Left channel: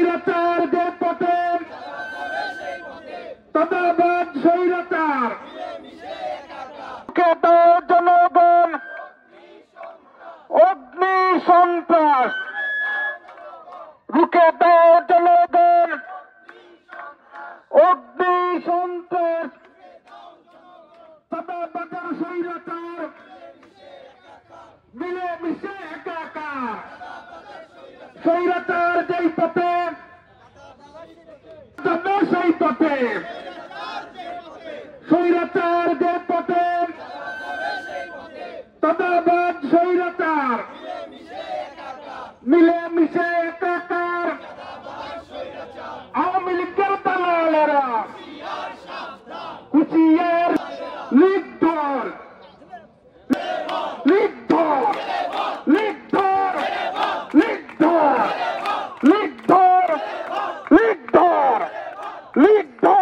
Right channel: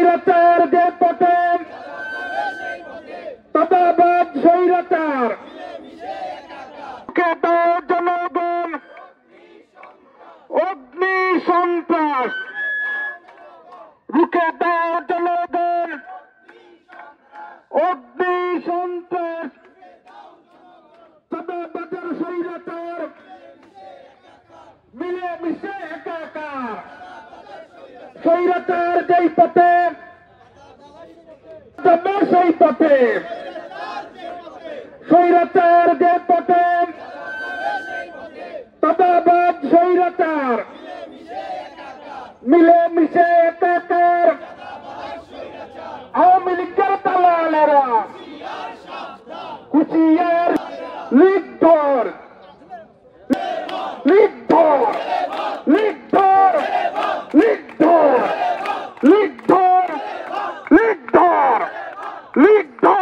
স্বৈরাচার যে পথে তথাবাদ স্বৈরাচার জনগণ অগ্নি সন্ত্রাস রুখে দাও জনগণ অগ্নি সন্ত্রাস তথাবাদের স্বৈরাচার মিলে মিশে একাকার স্বৈরাচার যেই পথে যাবে সেই পথে স্বৈরাচার যে পথে তথাবাদ স্বৈরাচার মিলে মিশে একাকার আওয়ামী লীগের দালালেরা হুঁশিয়ার নির্ভর নির্ভর নির্ভর নির্ভর নির্ভর নির্ভর নির্ভর